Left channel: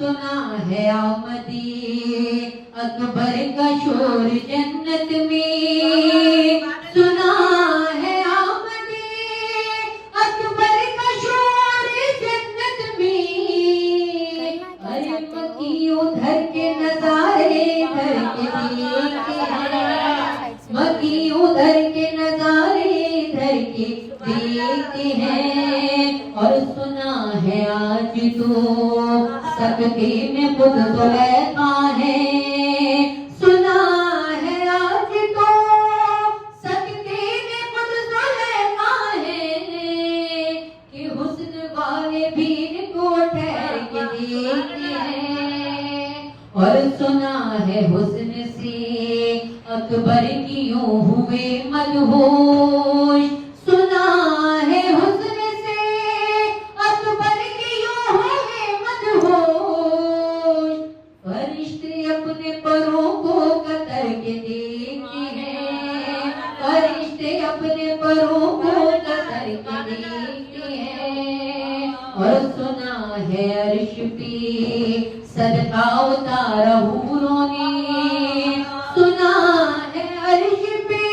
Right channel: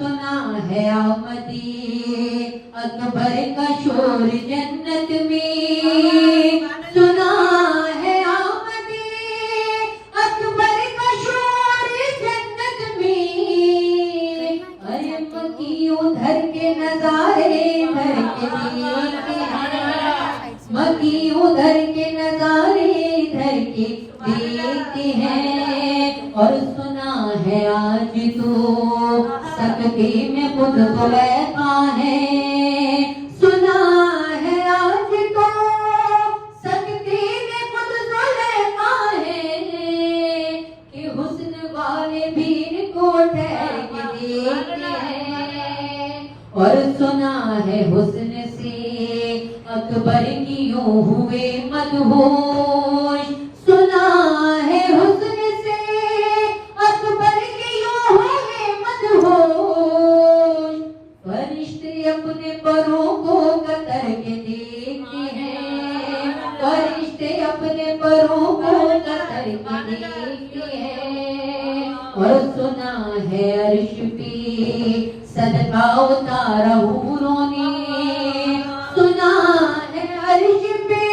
सुना है आमदी अकबर का शोर जन्नत में, सुना है आमदी अकबर का शोर जन्नत में। अरे मक्की उधर के नजारे इधर के देखते हैं, मक्की उधर के नजारे इधर के देखते हैं। और सुना है आज तो सकते में खुद जुलेखा है, सुना है आज तो सकते में खुद जुलेखा है कि हुस्न वाले भीड़ को ठहर के देखते हैं। और सुना है हुस्न से अकबर की यूं हुए मदहोश, सुना है हुस्न से अकबर की यूं हुए मदहोश। फरिश्ते अपने परों को कतर के देखते हैं, फरिश्ते अपने परों को कतर के देखते हैं। और सुना है अर्श पे सदका उतारा हूरों ने, सुना है अर्श पे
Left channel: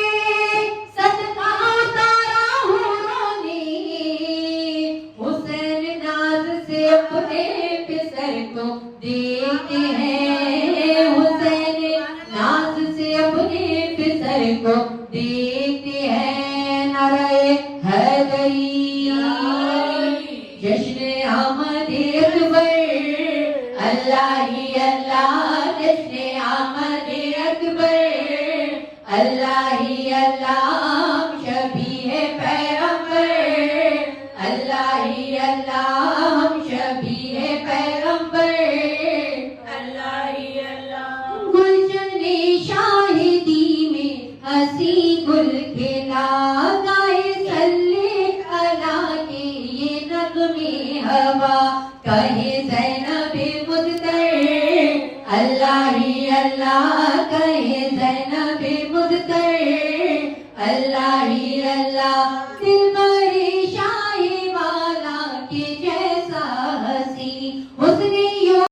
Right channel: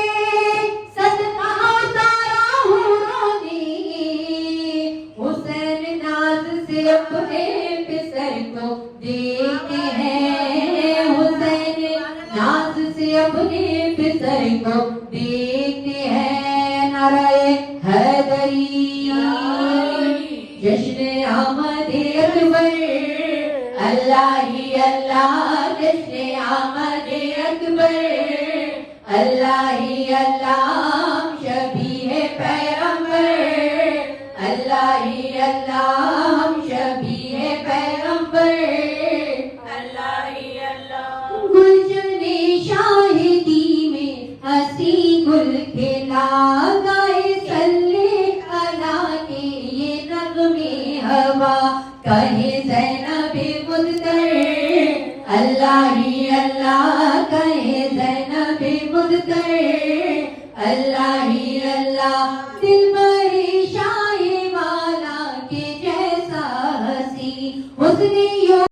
सदका उतारा हूरों ने। हुसैन नाज से अपने बिस्तर को देखते हैं, हुसैन नाज से अपने बिस्तर को देखते हैं। नारे हैदरी जश्न आमद अकबर, अल्लाह ही अल्लाह जश्न आमद अकबर, अल्लाह ही अल्लाह शबी है पैगंबर, अल्लाह ही अल्लाह शबी है पैगंबर, अल्लाह ही अल्लाह। गुलशन शाहिदी में हंसी गुल खिला, गाए सल्ले अला के ये नगमे हवा, कहे ज़ैनबे मुज़्ज़र, अल्लाह ही अल्लाह कहे ज़ैनबे मुज़्ज़र, अल्लाह ही